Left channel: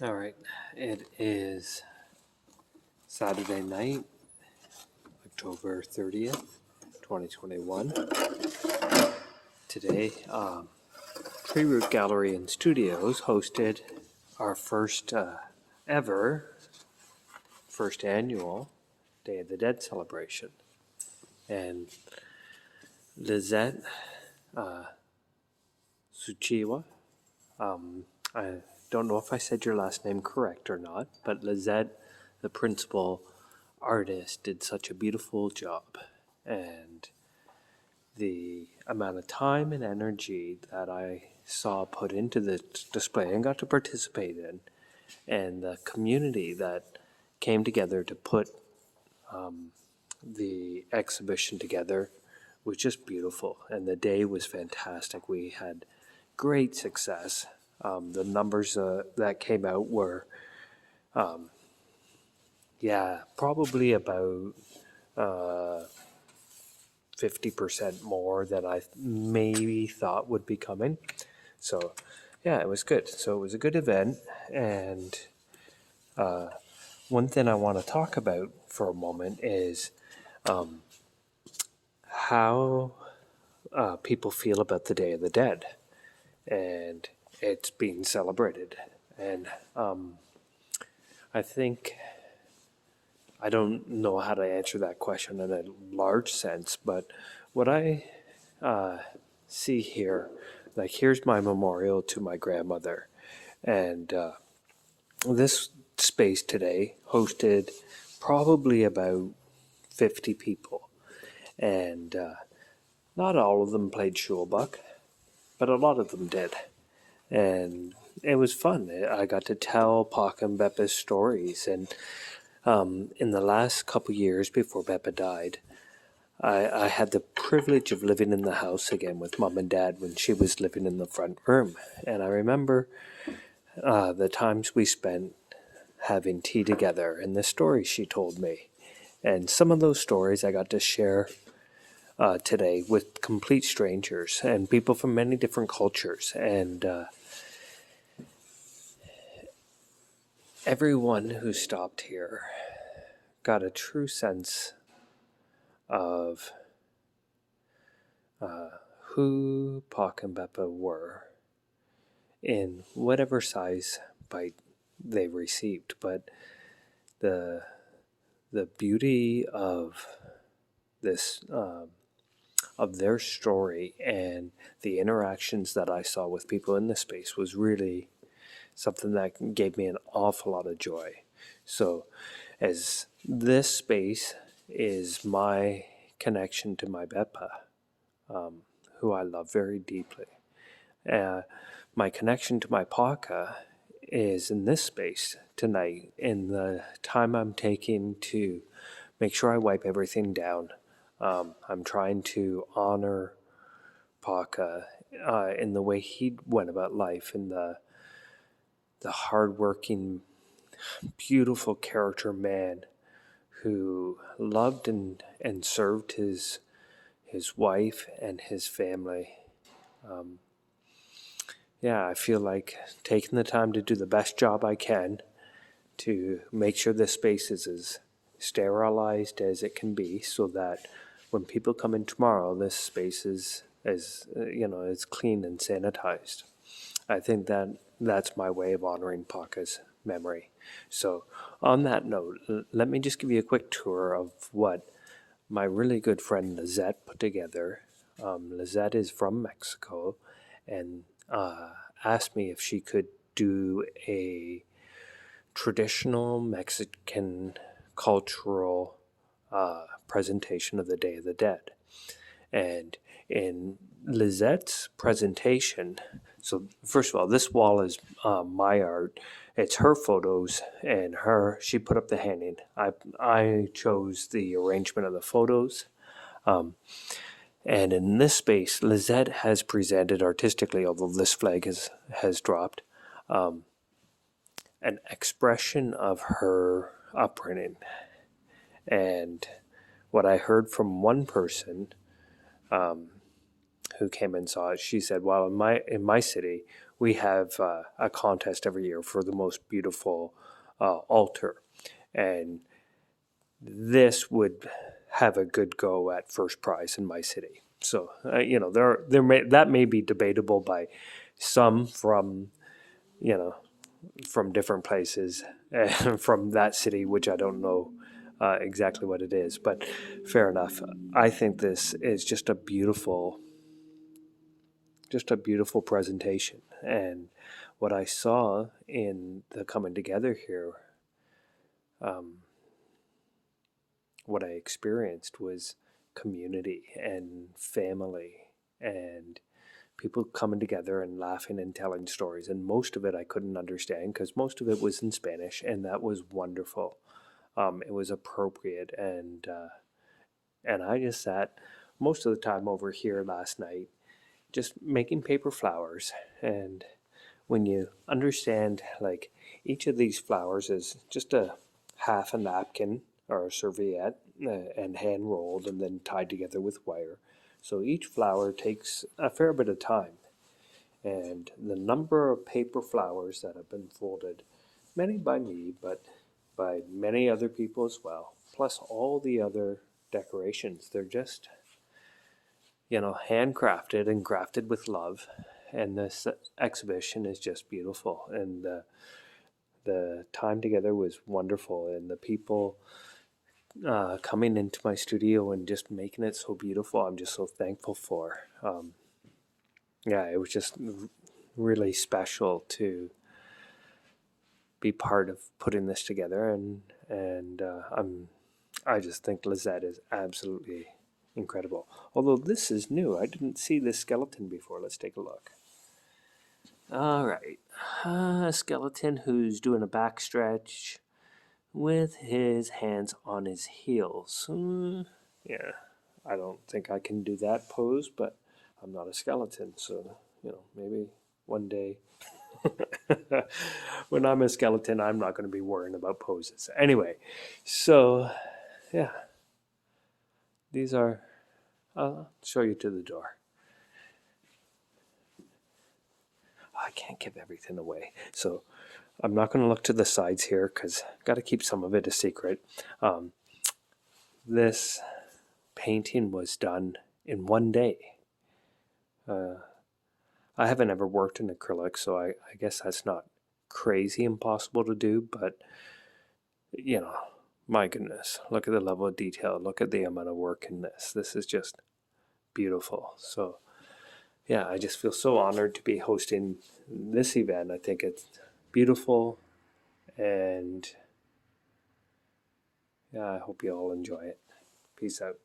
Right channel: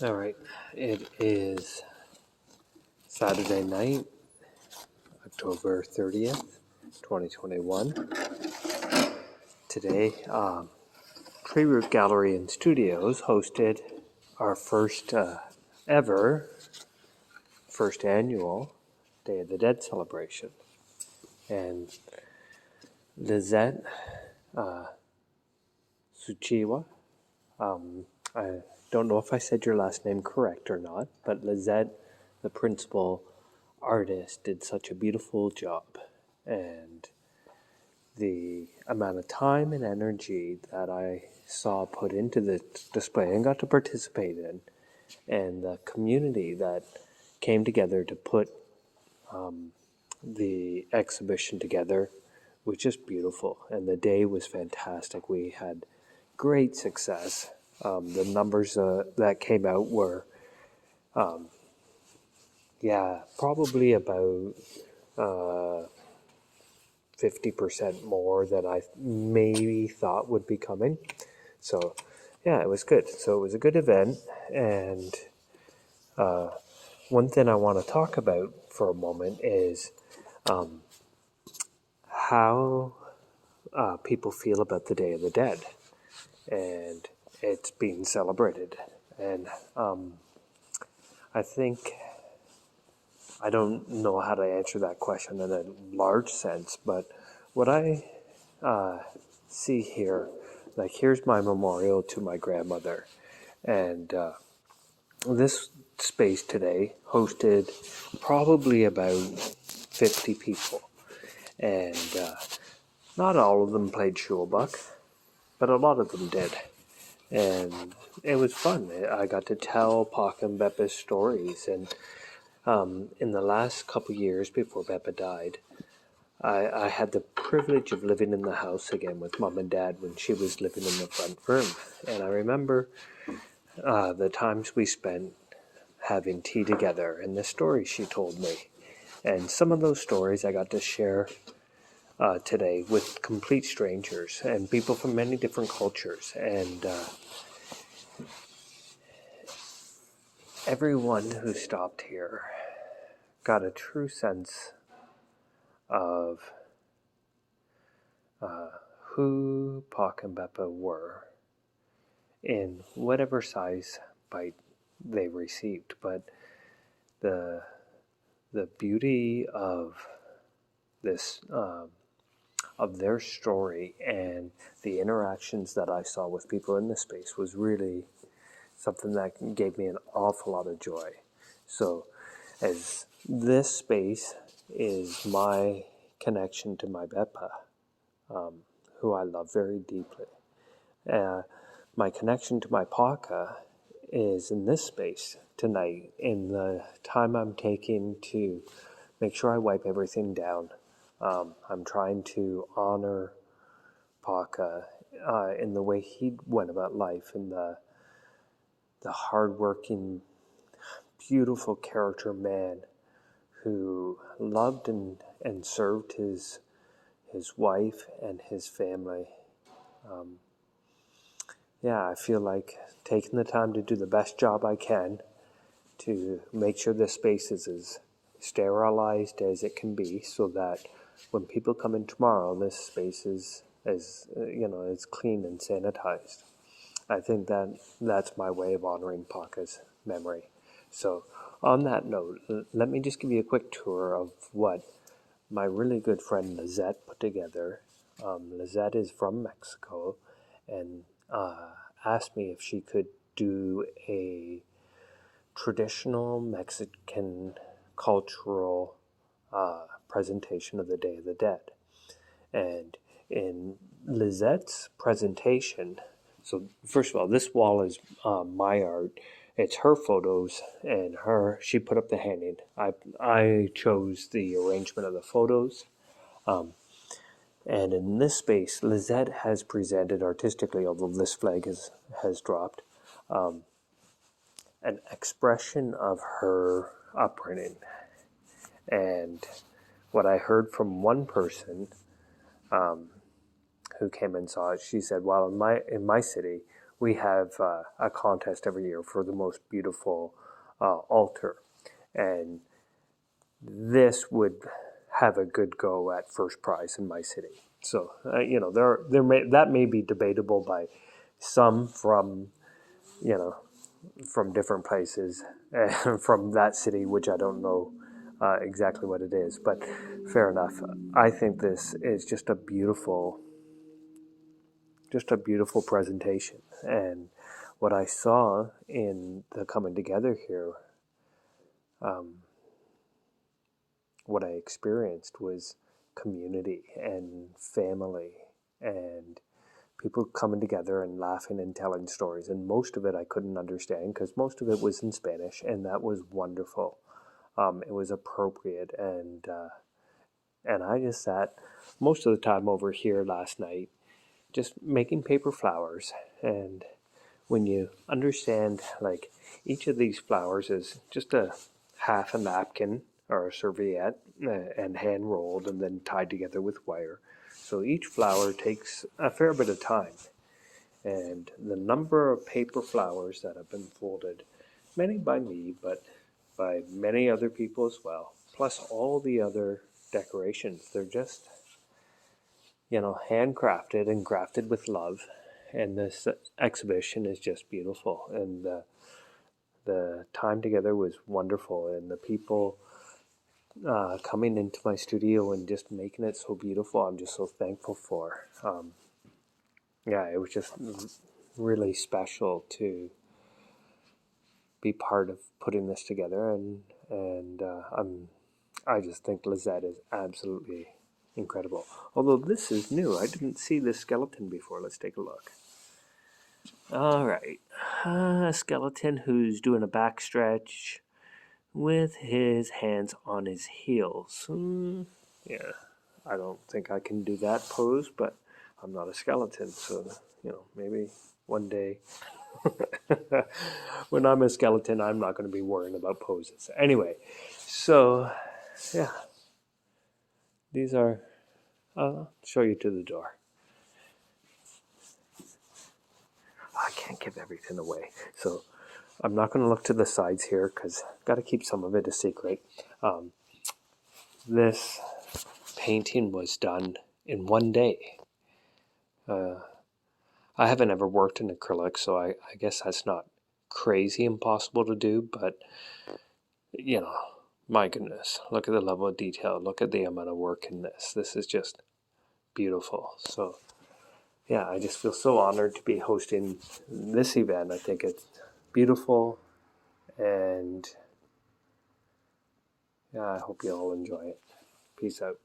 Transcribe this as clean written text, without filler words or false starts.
All right, it is Saturday night, October 30th, 2021. Today, Tree Root Gallery and Studios hosted our first annual Day of the Dead celebration. And Lizette Suchiwa, I don't know if I said your last name correct or not, but Lizette, the principal artist, did such a beautiful job. And the amount of time and energy that I saw put into the display and got to participate in, and the community that came together to put the exhibition together was just beautiful. And the day was fantastic. We had great success. The numbers that came out were, probably about 50% more than I maybe thought would be coming. So, yeah, it was good. So it was a good event. And one thing I want to talk about for a moment is how people feel about the Day of the Dead. And it's being celebrated. And I think I don't know how to answer that question in a large sense, but what I see here, like here's my memorial to my grandmother, and this space today hosted probably about 50 people, and not all of them played Shulbuck, but a lot of them did, and it was fun. I got to tell Pac and Beppa's stories, and in the last couple years before Beppa died, I had the privilege of living in the house again with Mom and Dad when she was living in the front room. And I remember the times we spent having tea together and the stories she told me. And some of those stories I got to share today with complete strangers and people from many different cultures. And everyone who stopped here got a true sense of who Pac and Beppa were in whatever size bite they received. But the beauty of this of their story and the interactions that I saw with people in this space was really something that gave me an awful lot of joy. So as this space is my connection to my Beppa, who I love very deeply. My connection to my Paka is in this space tonight, in the time I'm taking to make sure I wipe everything down. I'm trying to honor Paka in the way he went about life, in the hardworking, beautiful character man who loved and served his wife and his family. I feel like taking the time to do the best job I can to make sure this space is as sterilized as it can be, so that when people come in tomorrow, this space is as clean and sanitized. I think that's my way of honoring Paka's memory. So on that note, let me just give you a quick tour of what my really good friend Lizette put together. Lizette is from Mexico and asked me if she could do a traditional Mexican cultural presentation of the Day of the Dead. And in Lizette's presentation, so first of all, this wall is my art. It's her photos, and she put up the hanging. I chose the arrangement of the photos. And in this space, Lizette has presented artistically, although this flag has dropped, an expression of her upbringing. And what I heard from one person who came and saw it, she said, "Well, in my city, we have a contest every year for the most beautiful altar, and this would have a good go at first prize in my city. So that may be debatable by some from from different places and from that city, which I don't know exactly what it is, but fair enough. I think this is just a beautiful presentation, and what I saw in the coming together here, what I experienced was community and family and people coming together and laughing and telling stories. And most of it I couldn't understand because most of it was in Spanish, and that was wonderful. It was appropriate, and I just sat most of the time over here last night just making paper flowers. And when you understand, like, each of these flowers is just a half a napkin or a serviette, and hand rolled and then tied together with wire. So each flower takes a fair bit of time. And the number of paper flowers that have been folded, many by me, but by many other people as well, plus all the other decorations, they're just, handcrafted and crafted with love. And this exhibition is just beautiful. And the time together was wonderful. And the people coming into my studio and just making it so beautiful, I'm just so thankful for. It was just really special to be part of putting this together, and I just think Lizette is absolutely incredible. Although this is new, I didn't see this skeleton before. Let's take a look. All right, a skeleton who's doing a back stretch with his hands on his heels. Yeah, I don't think I can do that pose, but I'm not a skeleton, so maybe one day when I'm a skeleton, I'm not going to be worrying about poses. Anyway, so yeah, these are, I'll show you to the door. I can't give everything away, so I'm not going to look to the sides here because I've got to keep some of it a secret. This painting was done in one day. I haven't ever worked in acrylic, so I guess that's not crazy impossible to do, but my goodness, look at the level of detail, look at the amount of work in this. This is just beautiful. So yeah, I just feel so honored to be hosting this event. I think it's beautiful, and yeah, I hope you all enjoy it. Peace out.